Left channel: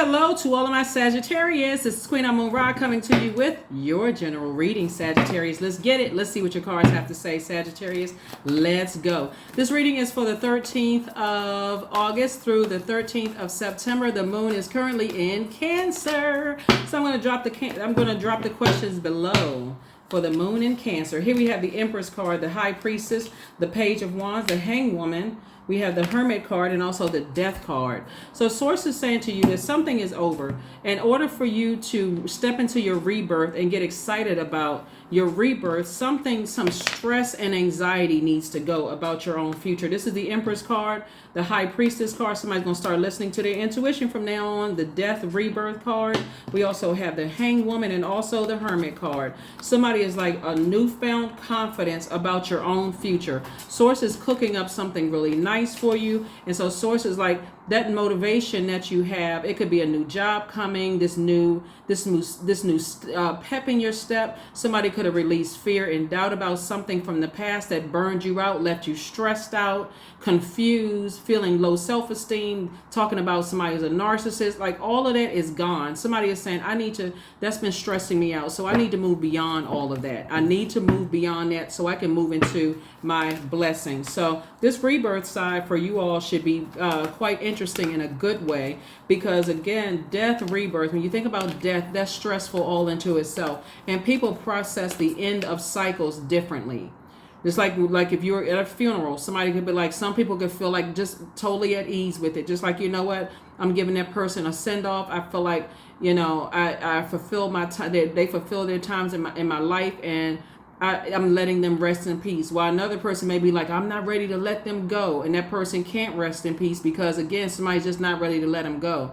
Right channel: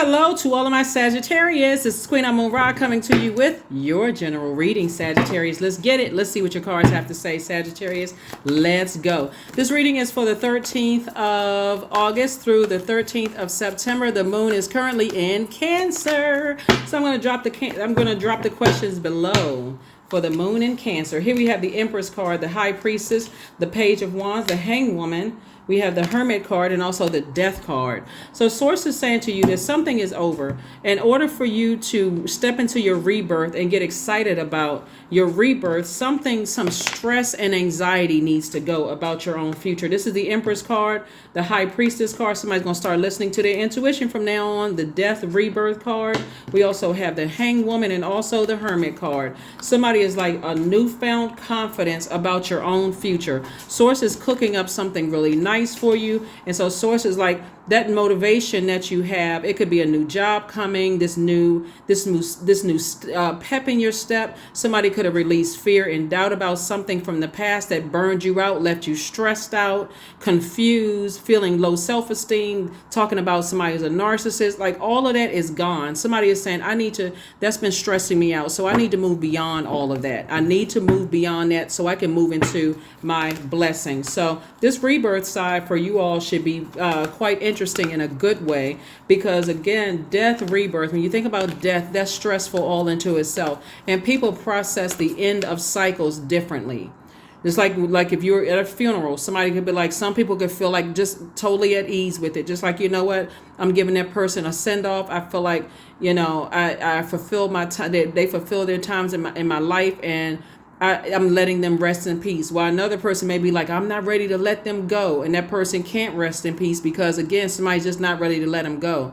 Hello to all of my Sagittarius. This is Queen Amun Ra coming to you with your general reading, Sagittarius. Let's get it. Let's see what your cards have to say, Sagittarius. Let's go. This reading is for the 13th of August through the 13th of September. The moon is currently in Cancer. So I'm going to drop the questions below. For the moon in Cancer. Here we have the Empress card, the High Priestess, the Page of Wands, the Hanged Woman. We have the Hermit card and also the Death card. So Source is saying to you that something is over. In order for you to step into your rebirth and get excited about your rebirth, some stress and anxiety needs to go about your own future. This is the Empress card, the High Priestess card. Somebody's going to start listening to their intuition from now on. The Death Rebirth card. We also have the Hanged Woman and also the Hermit card. Somebody is like a newfound confidence about your own future. Source is cooking up something really nice for you. And so Source is like that motivation that you have. It could be a new job coming, this new pep in your step. Somebody could have released fear and doubt about something from the past that burned you out, left you stressed out, confused, feeling low self-esteem, talking about somebody as a narcissist. Like all of that is gone. Somebody is saying, that's been stressing me out. So I need to move beyond all of that. I need to move beyond that so I can move into my blessing. So this rebirth side for you all should be quite interesting in a good way, because again, death, rebirth, when you think about death, that's stressful all into itself, and people process the end of cycles differently. It's like if you're at a funeral, somebody could be like, some people could feel like just totally at ease with it, just like, you know what, I'm giving that person a send off. I feel like, I fulfilled my time. They fulfill their times in my life, and I'm letting them rest in peace. While another person may be like, I'm not ready to let them go. And that person can't rest in peace because, again, somebody's just not ready to let them go.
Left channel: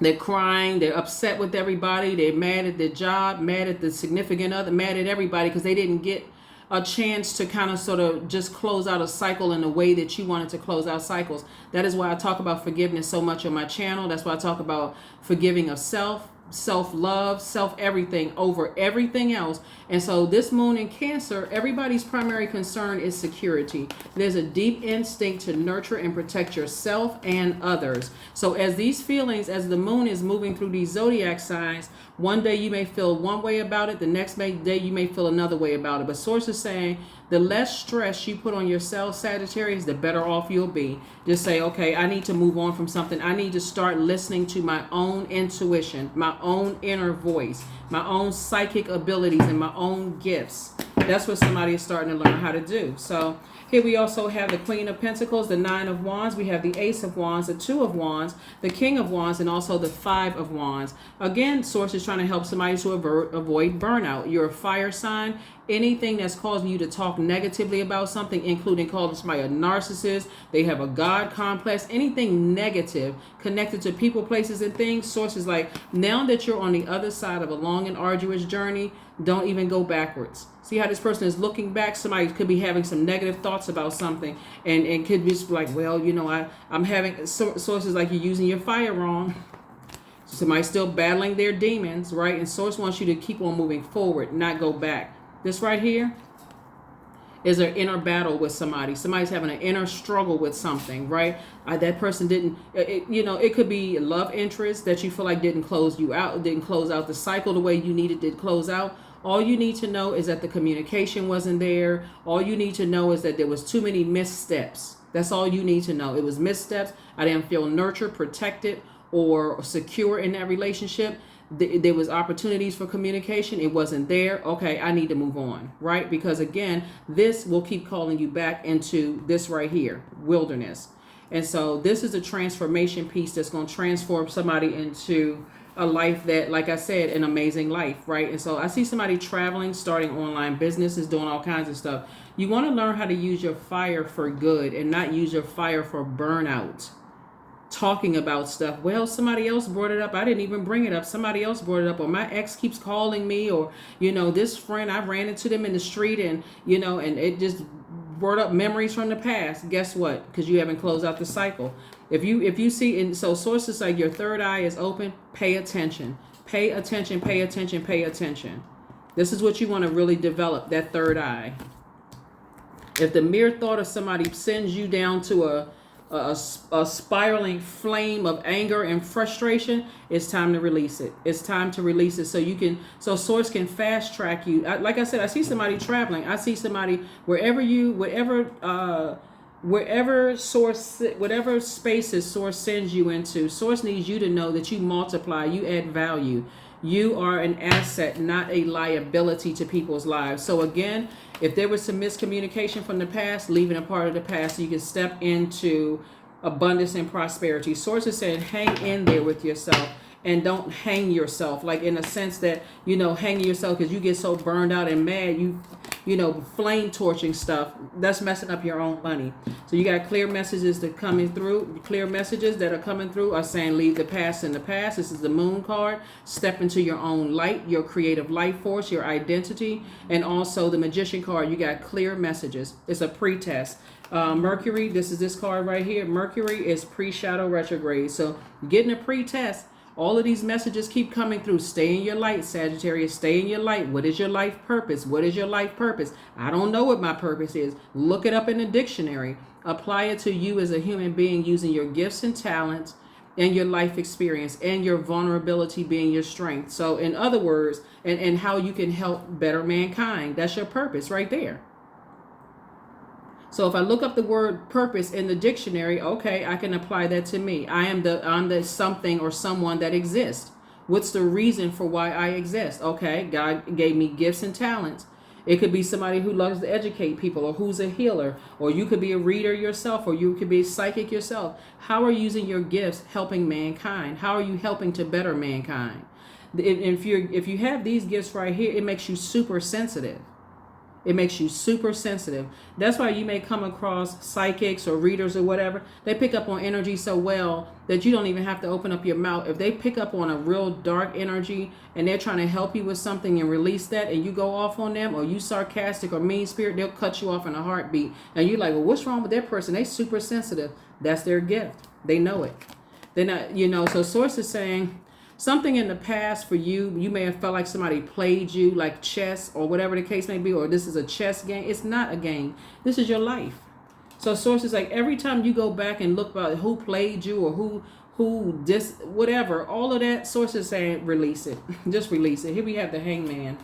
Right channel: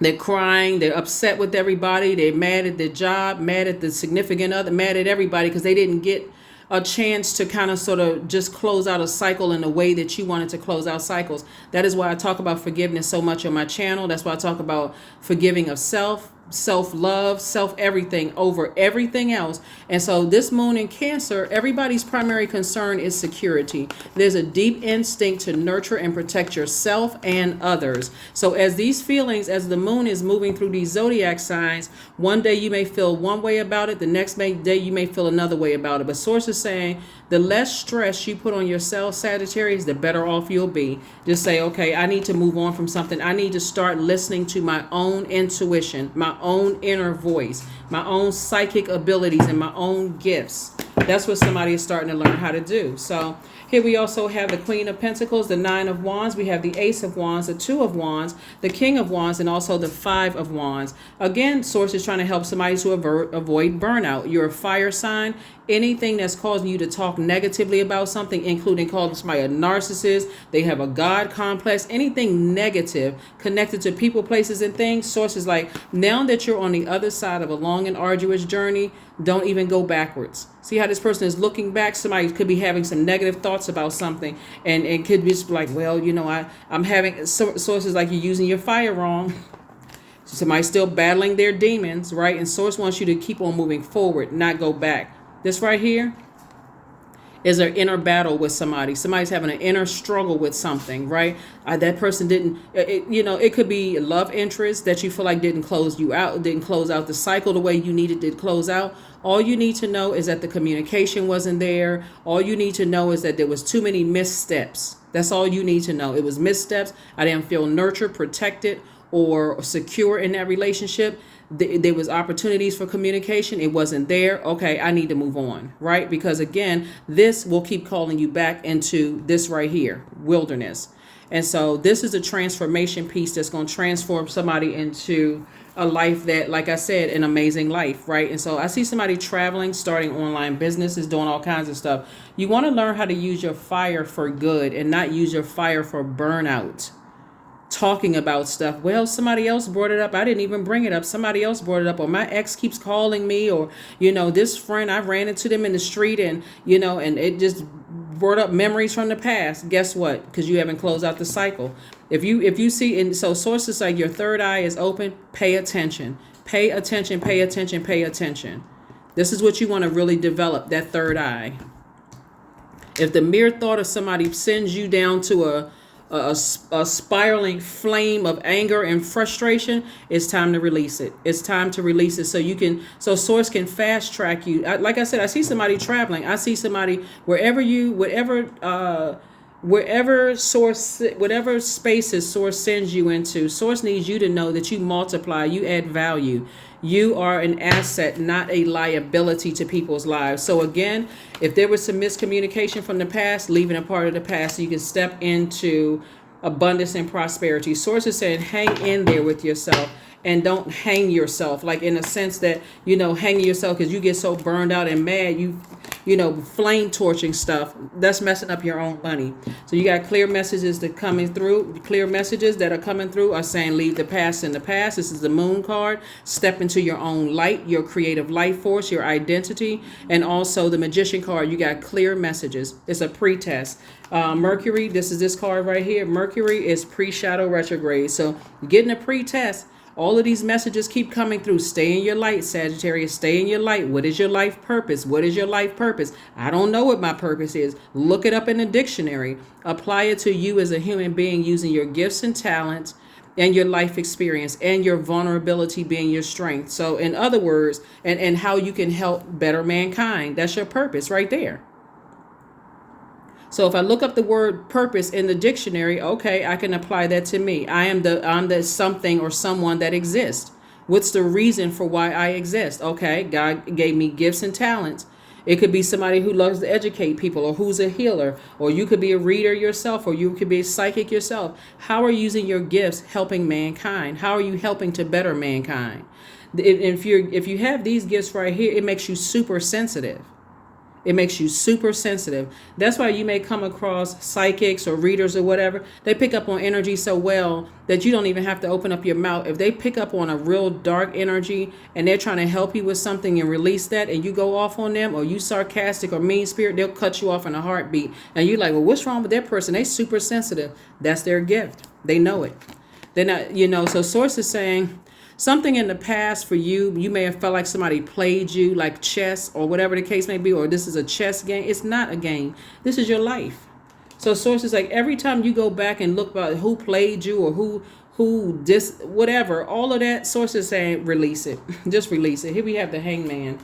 They're crying. They're upset with everybody. They're mad at their job, mad at the significant other, mad at everybody because they didn't get a chance to kind of sort of just close out a cycle in the way that you wanted to close out cycles. That is why I talk about forgiveness so much on my channel. That's why I talk about forgiving of self-love, self-everything over everything else. And so this moon in Cancer, everybody's primary concern is security. There's a deep instinct to nurture and protect yourself and others. So as these feelings, as the moon is moving through these zodiac signs, one day you may feel one way about it, the next day you may feel another way about it. But Source is saying the less stress you put on yourself, Sagittarius, the better off you'll be. Just say, okay, I need to move on from something. I need to start listening to my own intuition, my own inner voice, my own psychic abilities, and my own gifts. That's what somebody is starting to learn how to do. So here we also have the Queen of Pentacles, the Nine of Wands. We have the Ace of Wands, the Two of Wands, the King of Wands, and also the Five of Wands. Again, Source is trying to help somebody to avoid burnout. You're a fire sign. Anything that's causing you to talk negatively about something, including calling somebody a narcissist, they have a God complex, anything negative connected to people, places, and things, Source is like, now that you're on the other side of a long and arduous journey, don't even go backwards. See how this person is looking back? Somebody could be having some negative thoughts about something, and could be just like, well, I'm having, Source is like, you're using your fire wrong. Somebody's still battling their demons, right? And Source wants you to keep on moving forward, not go back. This right here is an inner battle with somebody. Somebody's having an inner struggle with something, right? That person didn't, it could be a love interest that you feel like didn't close out the cycle the way you needed it to close out. All you need to know is that the communication wasn't there. All you need to know is that there was too many missteps. That's all you need to know. It was missteps. I didn't feel nurtured, protected, or secure in that relationship. There was opportunities for communication. It wasn't there. Okay, I need to move on, right? Because again, this will keep calling you back into this right here, wilderness. And so this is a transformation piece that's going to transform somebody into a life that, like I said, an amazing life, right? And so I see somebody traveling, starting online businesses, doing all kinds of stuff. You want to learn how to use your fire for good and not use your fire for burnout. Talking about stuff. Well, somebody else brought it up. I didn't even bring it up. Somebody else brought it up. Or my ex keeps calling me, or, this friend, I ran into them in the street, and, and it just brought up memories from the past. Guess what? Because you haven't closed out the cycle. If you see, and so sources like your third eye is open, pay attention. Pay attention, pay attention, pay attention. This is what you want to really develop, that third eye. If the mere thought of somebody sends you down to a spiraling flame of anger and frustration, it's time to release it. It's time to release it so source can fast track you. Like I said, I see somebody traveling. I see somebody wherever source, whatever spaces source sends you into, source needs you to know that you multiply, you add value. You are an asset, not a liability to people's lives. So again, if there was some miscommunication from the past, leaving a part of the past so you can step into abundance and prosperity. Source is saying hang in there with yourself and don't hang yourself, like in a sense that, hanging yourself because you get so burned out and mad, flame torching stuff, that's messing up your own money. So you got clear messages that coming through. Clear messages that are coming through are saying leave the past in the past. This is the moon card. Step into your own light, your creative life force, your identity. And also the magician card, you got clear messages. It's a pre-test. Mercury, this card right here. Mercury is pre-shadow retrograde. So you're getting a pre-test. All of these messages keep coming through. Stay in your light, Sagittarius. Stay in your light. What is your life purpose? What is your life purpose? I don't know what my purpose is. Look it up in the dictionary. Apply it to you as a human being using your gifts and talents and your life experience and your vulnerability being your strength. So in other words, and how you can help better mankind. That's your purpose right there. So if I look up the word purpose in the dictionary, okay, I can apply that to me. I'm the something or someone that exists. What's the reason for why I exist? Okay, God gave me gifts and talents. It could be somebody who loves to educate people or who's a healer, or you could be a reader yourself, or you could be a psychic yourself. How are you using your gifts helping mankind? How are you helping to better mankind? If you have these gifts right here, it makes you super sensitive. It makes you super sensitive. That's why you may come across psychics or readers or whatever. They pick up on energy so well that you don't even have to open up your mouth. If they pick up on a real dark energy and they're trying to help you with something and release that, and you go off on them, or you sarcastic or mean spirit, they'll cut you off in a heartbeat. And you're like, well, what's wrong with that person? They super sensitive. That's their gift. They know it. They're not, so source is saying, something in the past for you may have felt like somebody played you, like chess or whatever the case may be, or this is a chess game. It's not a game. This is your life. So source is like, every time you go back and look about who played you or whatever, all of that, source is saying release it. Just release it. Here we have the hangman.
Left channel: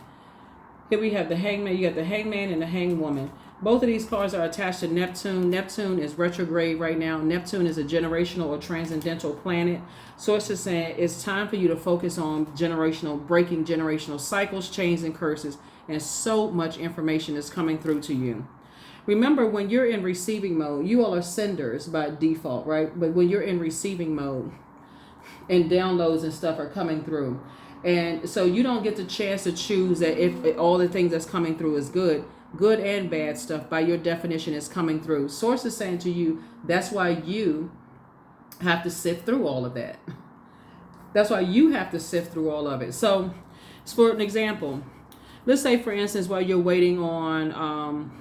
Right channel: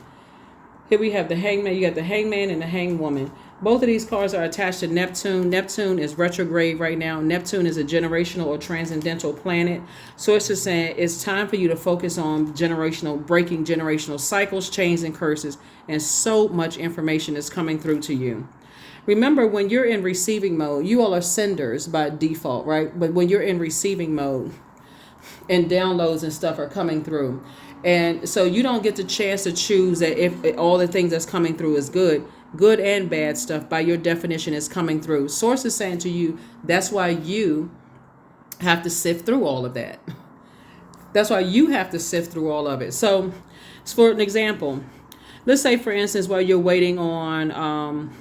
You got the hangman and the hangwoman. Both of these cards are attached to Neptune. Neptune is retrograde right now. Neptune is a generational or transcendental planet. Source is saying it's time for you to focus on breaking generational cycles, chains, and curses. And so much information is coming through to you. Remember, when you're in receiving mode, you all are senders by default, right? But when you're in receiving mode and downloads and stuff are coming through, and so you don't get the chance to choose that if all the things that's coming through is good and bad stuff by your definition is coming through. Source is saying to you, that's why you have to sift through all of that. That's why you have to sift through all of it. So for an example, let's say, for instance, while you're waiting on,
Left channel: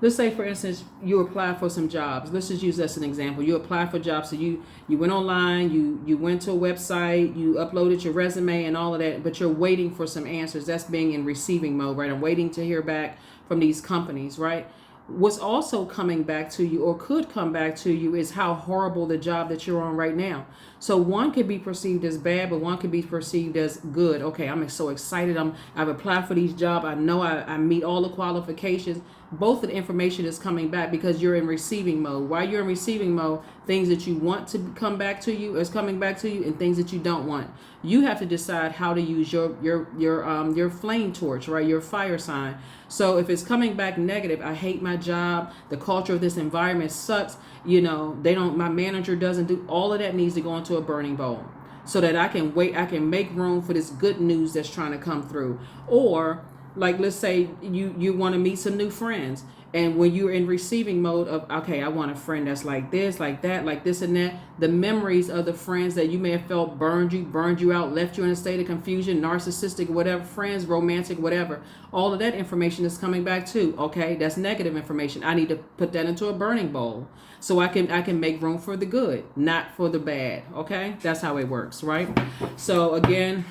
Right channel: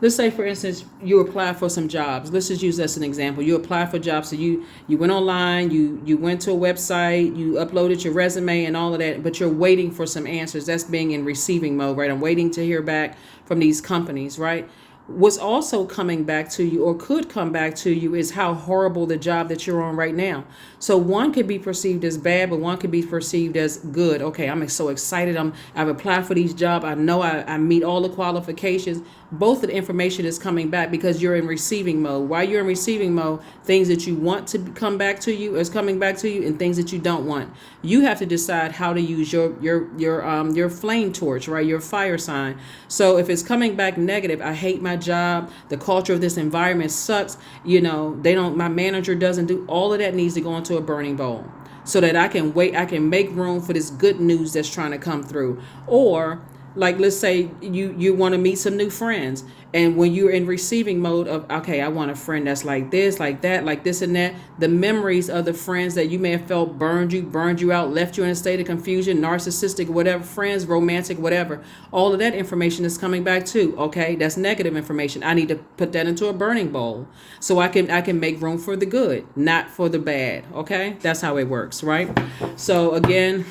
let's say, for instance, you apply for some jobs. Let's just use this as an example. You apply for jobs. So you went online, you went to a website, you uploaded your resume and all of that, but you're waiting for some answers. That's being in receiving mode, right? I'm waiting to hear back from these companies, right? What's also coming back to you, or could come back to you, is how horrible the job that you're on right now. So one could be perceived as bad, but one could be perceived as good. Okay, I'm so excited. I've applied for these jobs. I know I meet all the qualifications. Both of the information is coming back because you're in receiving mode. While you're in receiving mode, things that you want to come back to you is coming back to you, and things that you don't want. You have to decide how to use your flame torch, right? Your fire sign. So if it's coming back negative, I hate my job, the culture of this environment sucks, my manager doesn't do, all of that needs to go into a burning bowl so that I can make room for this good news that's trying to come through. Or like, let's say you want to meet some new friends, and when you're in receiving mode of, okay, I want a friend that's like this, like that, like this and that, the memories of the friends that you may have felt burned you out, left you in a state of confusion, narcissistic, whatever, friends, romantic, whatever, all of that information is coming back too. Okay, that's negative information. I need to put that into a burning bowl so I can make room for the good, not for the bad. Okay, that's how it works, right? So again,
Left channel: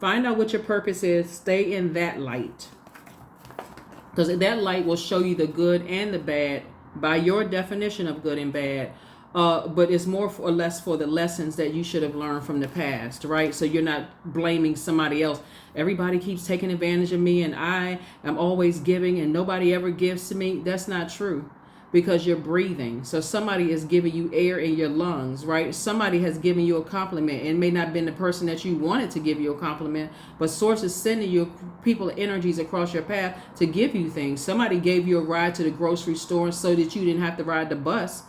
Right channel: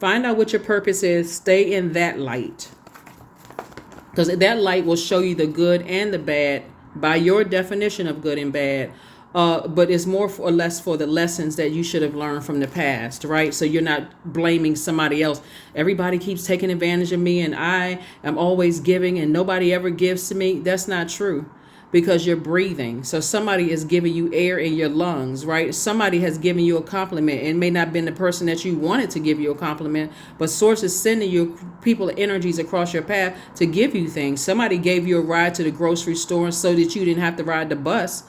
find out what your purpose is. Stay in that light, because that light will show you the good and the bad by your definition of good and bad. but it's more or less for the lessons that you should have learned from the past, right? So you're not blaming somebody else. Everybody keeps taking advantage of me and I am always giving and nobody ever gives to me. That's not true, because you're breathing. So somebody is giving you air in your lungs, right? Somebody has given you a compliment. It may not have been the person that you wanted to give you a compliment, but source is sending you people, energies across your path to give you things. Somebody gave you a ride to the grocery store so that you didn't have to ride the bus.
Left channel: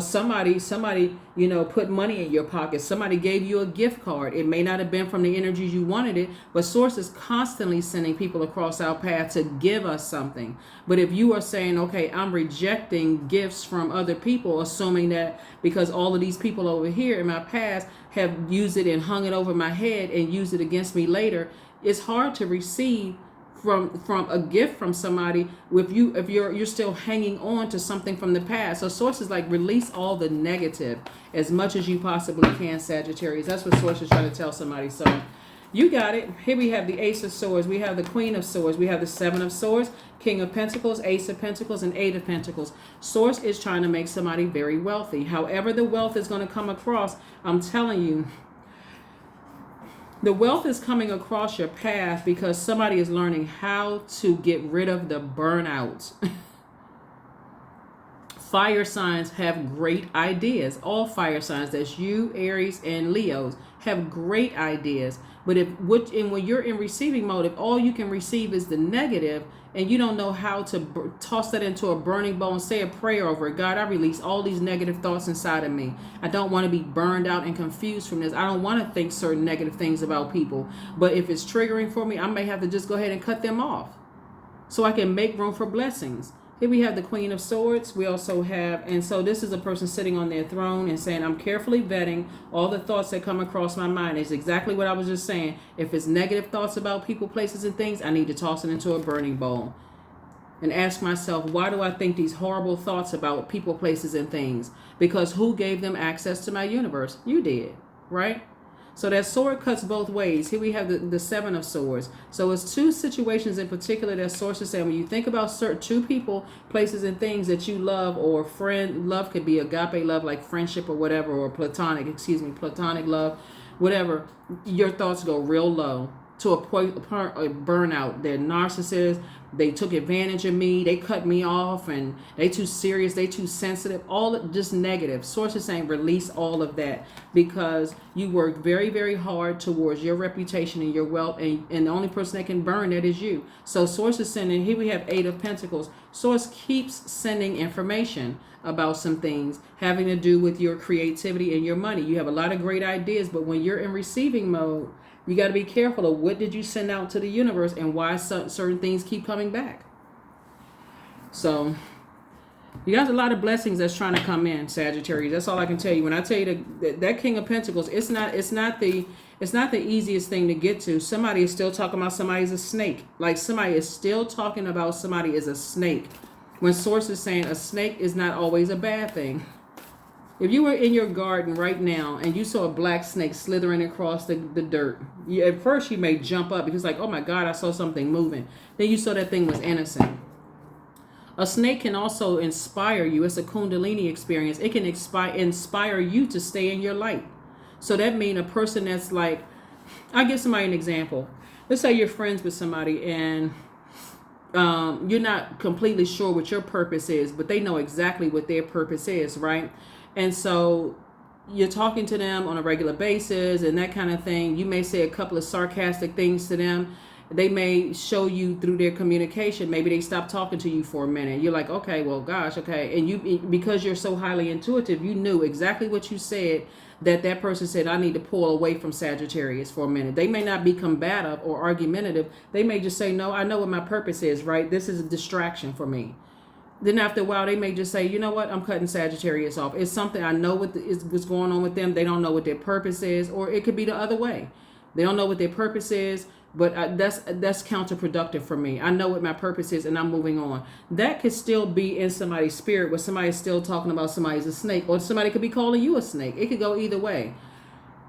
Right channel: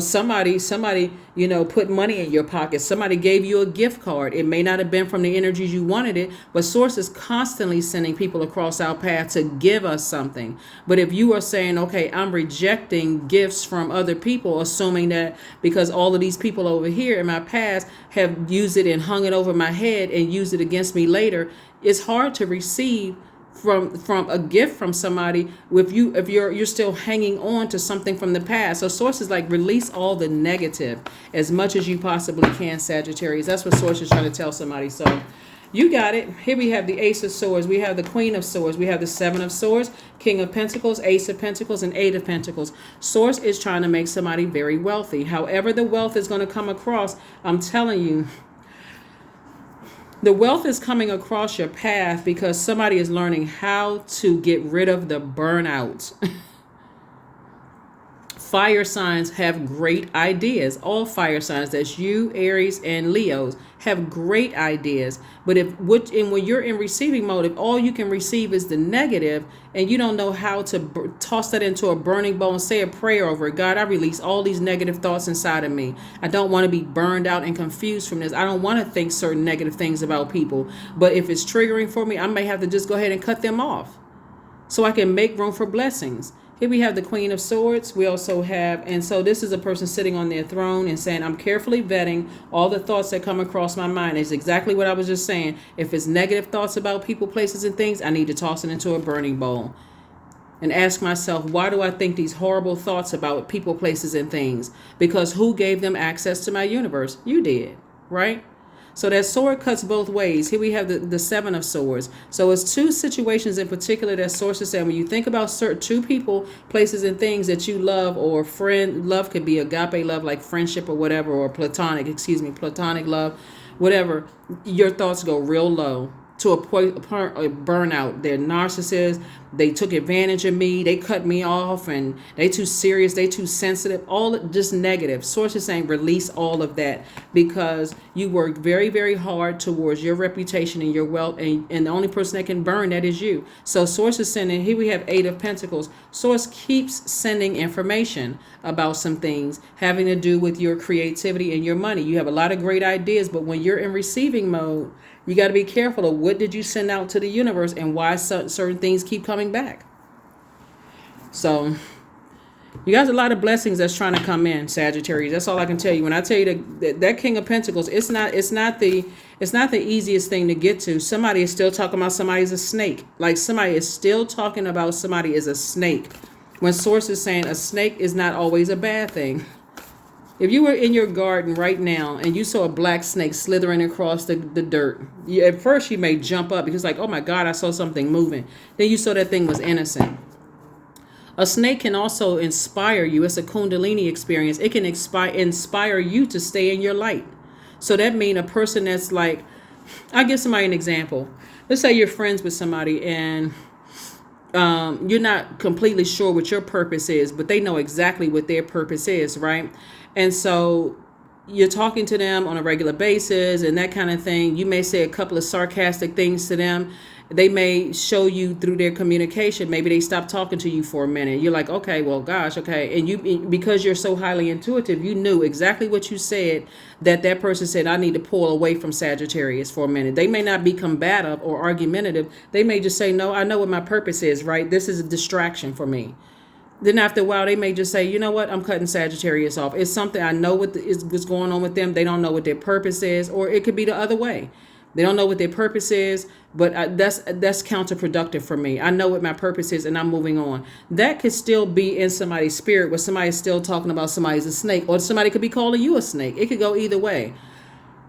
Somebody, put money in your pocket. Somebody gave you a gift card. It may not have been from the energies you wanted it, but source is constantly sending people across our path to give us something. But if you are saying, okay, I'm rejecting gifts from other people, assuming that because all of these people over here in my past have used it and hung it over my head and used it against me later, it's hard to receive from a gift from somebody if you're still hanging on to something from the past. So source is like, release all the negative as much as you possibly can, Sagittarius. That's what source is trying to tell somebody. So you got it. Here we have the Ace of Swords, we have the Queen of Swords, we have the Seven of Swords, King of Pentacles, Ace of Pentacles, and Eight of Pentacles. Source is trying to make somebody very wealthy. However the wealth is going to come across, I'm telling you, the wealth is coming across your path because somebody is learning how to get rid of the burnout. Fire signs have great ideas. All fire signs, that's you, Aries, and Leos, have great ideas. But when you're in receiving mode, if all you can receive is the negative and you don't know how to toss that into a burning bowl and say a prayer over it, God, I release all these negative thoughts inside of me. I don't want to be burned out and confused from this. I don't want to think certain negative things about people. But if it's triggering for me, I may have to just go ahead and cut them off so I can make room for blessings. Here we have the Queen of Swords. We also have, and so this is a person sitting on their throne and saying, I'm carefully vetting all the thoughts that come across my mind. It's exactly what I was just saying. If it's negative thoughts about people, places, and things, I need to toss it into a burning bowl and ask myself, why do I think these horrible thoughts about people, places, and things? Because who gave them access to my universe? You did, right? So that sword cuts both ways. Here we have the Seven of Swords. So it's two situations in particular that sources say, when you think about certain two people, places, and things that you love, or friend, love could be agape love, like friendship or whatever, or platonic love, whatever, your thoughts go real low to a point of burnout. They're narcissists. They took advantage of me. They cut me off, and they too serious. They too sensitive. All just negative. Source is saying release all of that because you work very, very hard towards your reputation and your wealth, and the only person that can burn that is you. So Source is sending. Here we have Eight of Pentacles. Source keeps sending information about some things having to do with your creativity and your money. You have a lot of great ideas, but when you're in receiving mode, you got to be careful of what did you send out to the universe and why certain things keep coming back. So you got a lot of blessings that's trying to come in, Sagittarius. That's all I can tell you. When I tell you that King of Pentacles, it's not the easiest thing to get to. Somebody is still talking about somebody's a snake. Like somebody is still talking about somebody is a snake. When Source is saying a snake is not always a bad thing. If you were in your garden right now and you saw a black snake slithering across the dirt, at first you may jump up because like, oh my God, I saw something moving. Then you saw that thing was innocent. A snake can also inspire you. It's a Kundalini experience. It can inspire you to stay in your light. So that means a person that's like, I'll give somebody an example. Let's say you're friends with somebody and you're not completely sure what your purpose is, but they know exactly what their purpose is, right? And so you're talking to them on a regular basis and that kind of thing. You may say a couple of sarcastic things to them. They may show you through their communication. Maybe they stop talking to you for a minute. You're like, okay, well, gosh, okay. And you, because you're so highly intuitive, you knew exactly what you said that person said, I need to pull away from Sagittarius for a minute. They may not be combative or argumentative. They may just say, no, I know what my purpose is, right? This is a distraction for me. Then after a while, they may just say, you know what, I'm cutting Sagittarius off. It's something I know what's going on with them. They don't know what their purpose is, or it could be the other way. They don't know what their purpose is, but that's counterproductive for me. I know what my purpose is, and I'm moving on. That could still be in somebody's spirit where somebody's still talking about somebody's a snake, or somebody could be calling you a snake. It could go either way.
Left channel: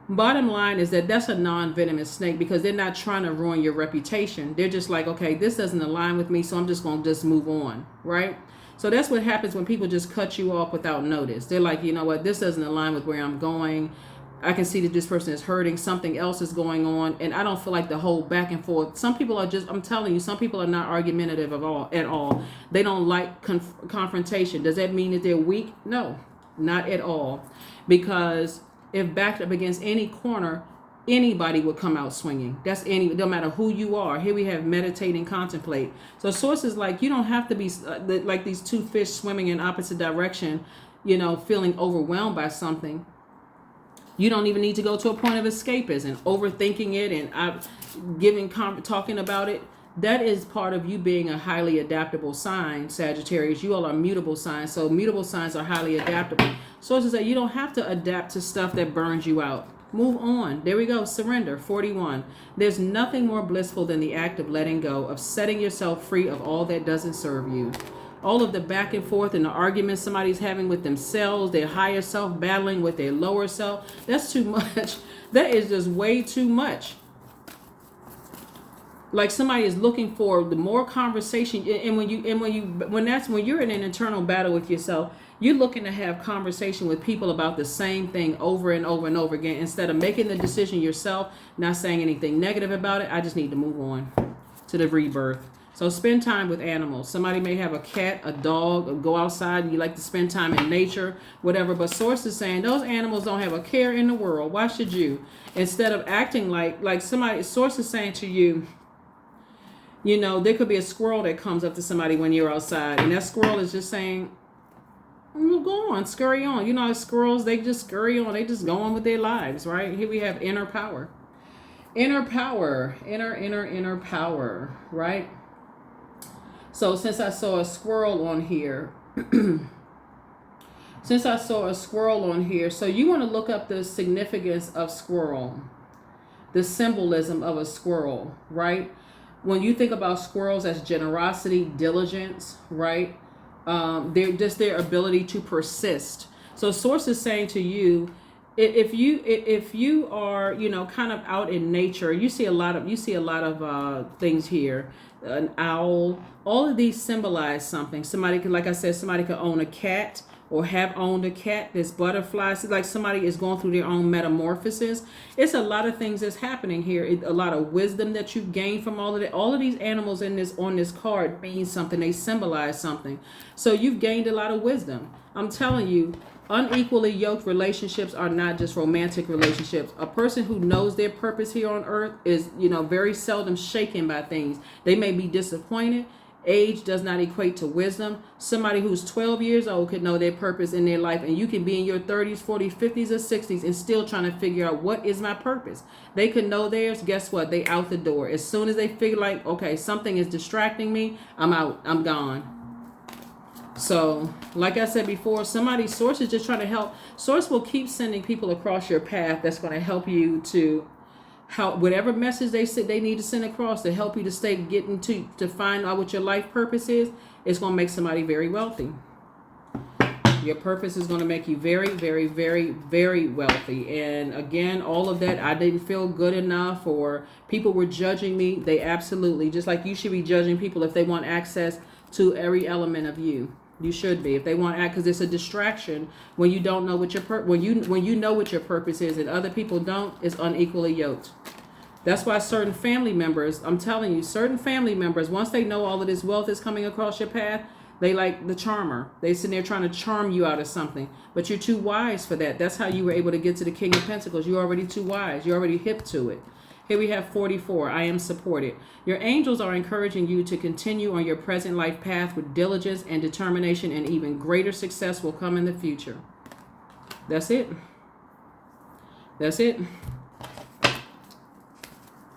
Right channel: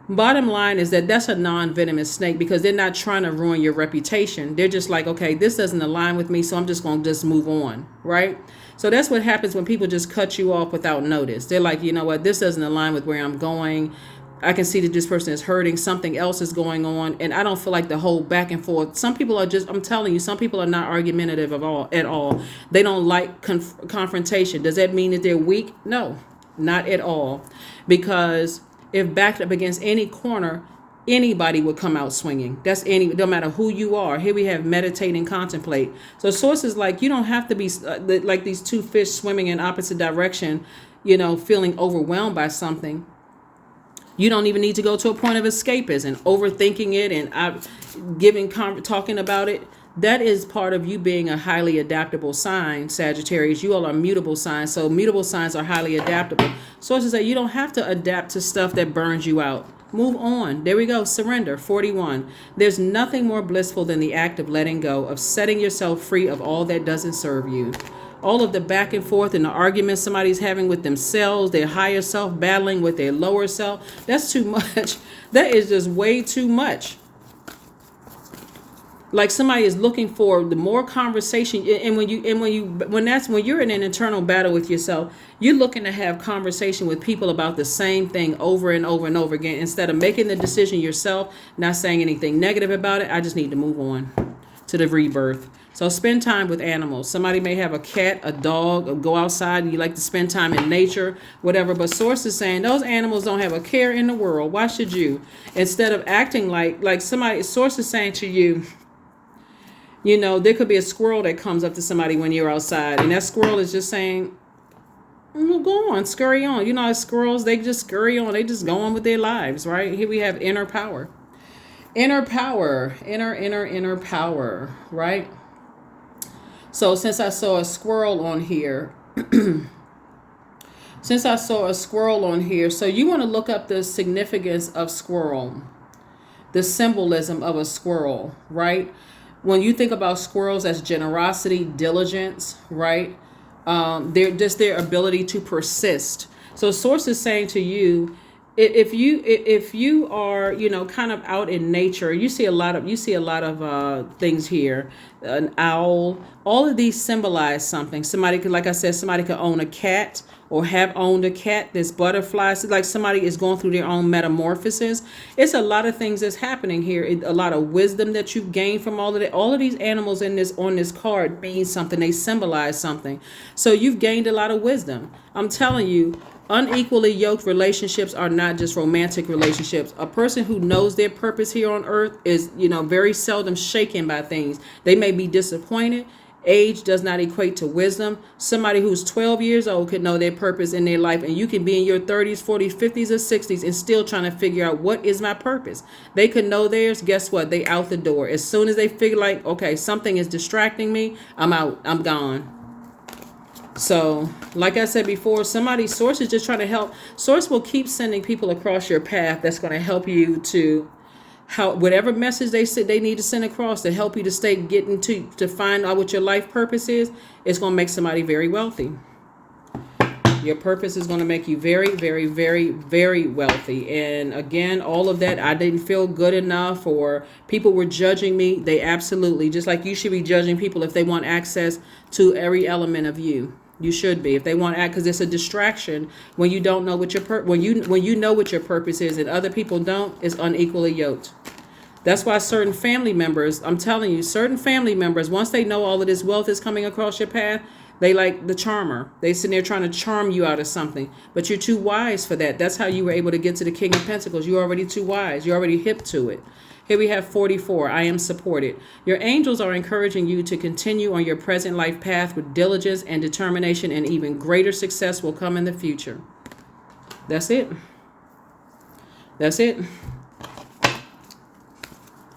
Bottom line is that's a non-venomous snake because they're not trying to ruin your reputation. They're just like, okay, this doesn't align with me, so I'm just going to move on, right? So that's what happens when people just cut you off without notice. They're like, you know what, this doesn't align with where I'm going. I can see that this person is hurting. Something else is going on. And I don't feel like the whole back and forth. Some people are just, I'm telling you, some people are not argumentative at all. They don't like confrontation. Does that mean that they're weak? No, not at all. Because if backed up against any corner, anybody would come out swinging. No matter who you are. Here we have meditate and contemplate. So sources like, you don't have to be like these two fish swimming in opposite direction, feeling overwhelmed by something. You don't even need to go to a point of escapism, overthinking it and talking about it. That is part of you being a highly adaptable sign, Sagittarius. You all are mutable signs, so mutable signs are highly adaptable. Sources say you don't have to adapt to stuff that burns you out. Move on. There we go. Surrender. 41. There's nothing more blissful than the act of letting go, of setting yourself free of all that doesn't serve you. All of the back and forth and the arguments somebody's having with themselves, their higher self battling with their lower self, that's too much. That is just way too much. Like somebody is looking for the more conversation, and when you're in an internal battle with yourself, you're looking to have conversation with people about the same thing over and over and over again, instead of making the decision yourself, not saying anything negative about it. I just need to move on to the rebirth. So spend time with animals. Somebody may have a cat, a dog, or go outside and you like to spend time in nature, whatever. But source is saying those animals don't have a care in the world. Why should you? Instead of acting like somebody, source is saying to you, there could be a squirrel that comes up to somebody when you're outside, and that squirrel is just saying, go on, scurry on. Squirrels, they just scurry on. They just go on with their lives, right? Here we have inner power. Inner power. Inner power, right? So since I saw a squirrel on here, so you want to look up the significance of squirrel, the symbolism of a squirrel, right? When you think about squirrels as generosity, diligence, right? They're just their ability to persist. So source is saying to you, if you are kind of out in nature, you see a lot of things here. An owl, all of these symbolize something. Somebody could, like I said, somebody could own a cat or have owned a cat. There's butterflies. It's like somebody is going through their own metamorphosis. It's a lot of things that's happening here. A lot of wisdom that you've gained from all of it. All of these animals on this card mean something. They symbolize something. So you've gained a lot of wisdom. I'm telling you, unequally yoked relationships are not just romantic relationships. A person who knows their purpose here on earth is, very seldom shaken by things. They may be disappointed. Age does not equate to wisdom. Somebody who's 12 years old could know their purpose in their life, and you can be in your 30s, 40s, 50s, or 60s and still trying to figure out what is my purpose. They could know theirs. Guess what? They out the door. As soon as they figure like, okay, something is distracting me, I'm out. I'm gone. So, like I said before, source is just trying to help. Source will keep sending people across your path that's going to help you to whatever message they need to send across to help you to find out what your life purpose is. It's going to make somebody very wealthy. Your purpose is going to make you very, very, very, very wealthy. And again, all of that, I didn't feel good enough, or people were judging me. They absolutely, just like you should be judging people if they want access to every element of you. You should be. If they want to act, because it's a distraction when you don't know what when you know what your purpose is and other people don't, it's unequally yoked. That's why certain family members, I'm telling you, once they know all of this wealth is coming across your path, they like the charmer. They sit there trying to charm you out of something, but you're too wise for that. That's how you were able to get to the King of Pentacles. You're already too wise. You're already hip to it. Here we have 44. I am supported. Your angels are encouraging you to continue on your present life path with diligence and determination, and even greater success will come in the future. That's it. That's it.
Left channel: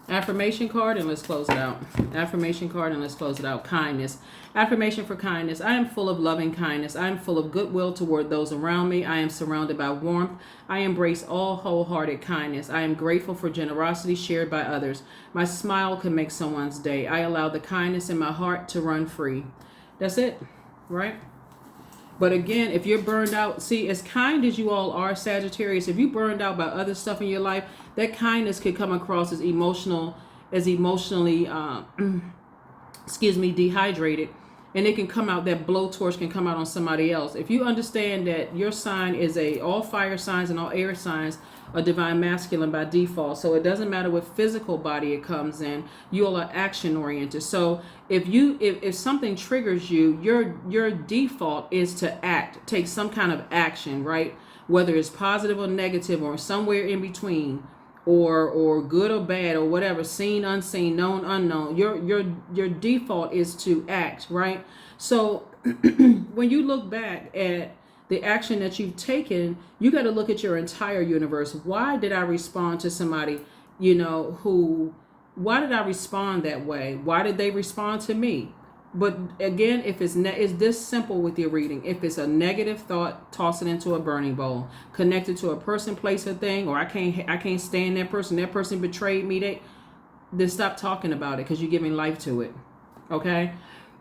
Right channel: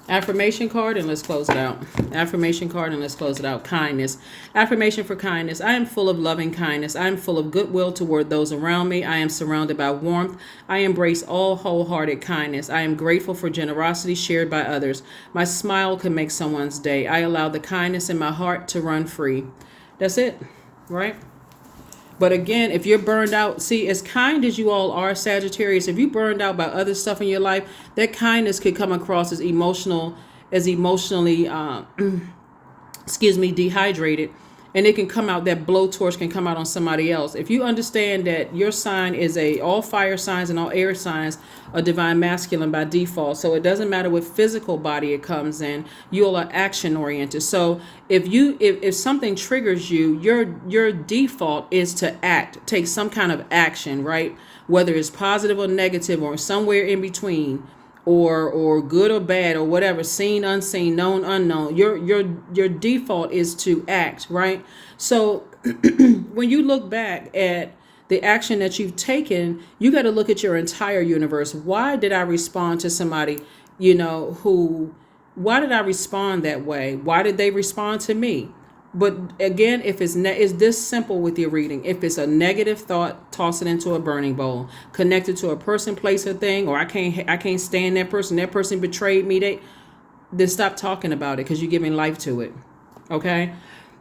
Affirmation card, and let's close it out. Affirmation card, and let's close it out. Kindness. Affirmation for kindness. I am full of loving kindness. I am full of goodwill toward those around me. I am surrounded by warmth. I embrace all wholehearted kindness. I am grateful for generosity shared by others. My smile can make someone's day. I allow the kindness in my heart to run free. That's it, right? But again, if you're burned out, see, as kind as you all are, Sagittarius, if you burned out by other stuff in your life, that kindness could come across as emotionally, dehydrated. and it can come out, that blowtorch can come out on somebody else. If you understand that your sign is all fire signs and all air signs are divine masculine by default, so it doesn't matter what physical body it comes in, you all are action oriented. So if something triggers you, your default is to act, take some kind of action, right? Whether it's positive or negative or somewhere in between, or good or bad or whatever, seen, unseen, known, unknown. Your default is to act, right? So when you look back at the action that you've taken, you got to look at your entire universe. Why did I respond to somebody, why did I respond that way? Why did they respond to me? But again, if it's this simple with your reading. If it's a negative thought, toss it into a burning bowl. Connected to a person, place, or thing, or I can't stand that person. That person betrayed me. Then stop talking about it, because you're giving life to it. Okay,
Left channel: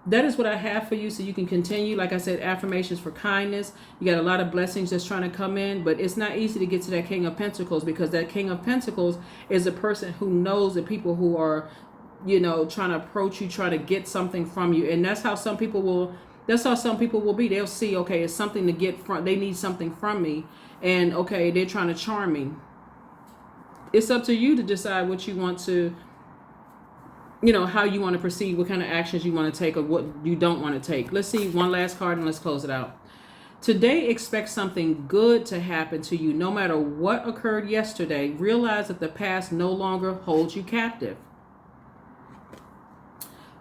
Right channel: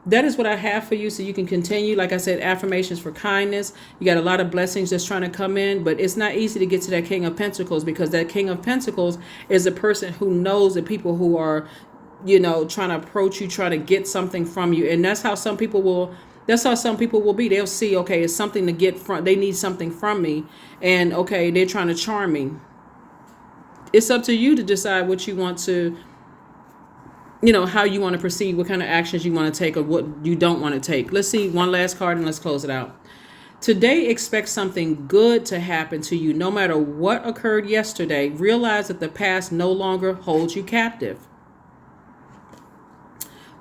that is what I have for you, so you can continue. Like I said, affirmations for kindness. You got a lot of blessings just trying to come in, but it's not easy to get to that King of Pentacles, because that King of Pentacles is a person who knows the people who are, trying to approach you, try to get something from you. And that's how some people will be. They'll see, okay, it's something to get from, they need something from me. And okay, they're trying to charm me. It's up to you to decide what you want to, how you want to proceed, what kind of actions you want to take or what you don't want to take. Let's see one last card and let's close it out. Today, expect something good to happen to you. No matter what occurred yesterday, realize that the past no longer holds you captive.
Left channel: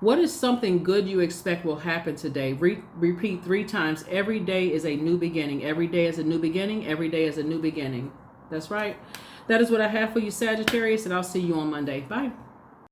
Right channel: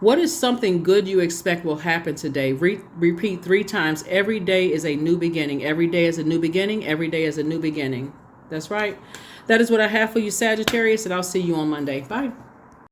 What is something good you expect will happen today? Repeat 3 times. Every day is a new beginning. Every day is a new beginning. Every day is a new beginning. That's right. That is what I have for you, Sagittarius, and I'll see you on Monday. Bye.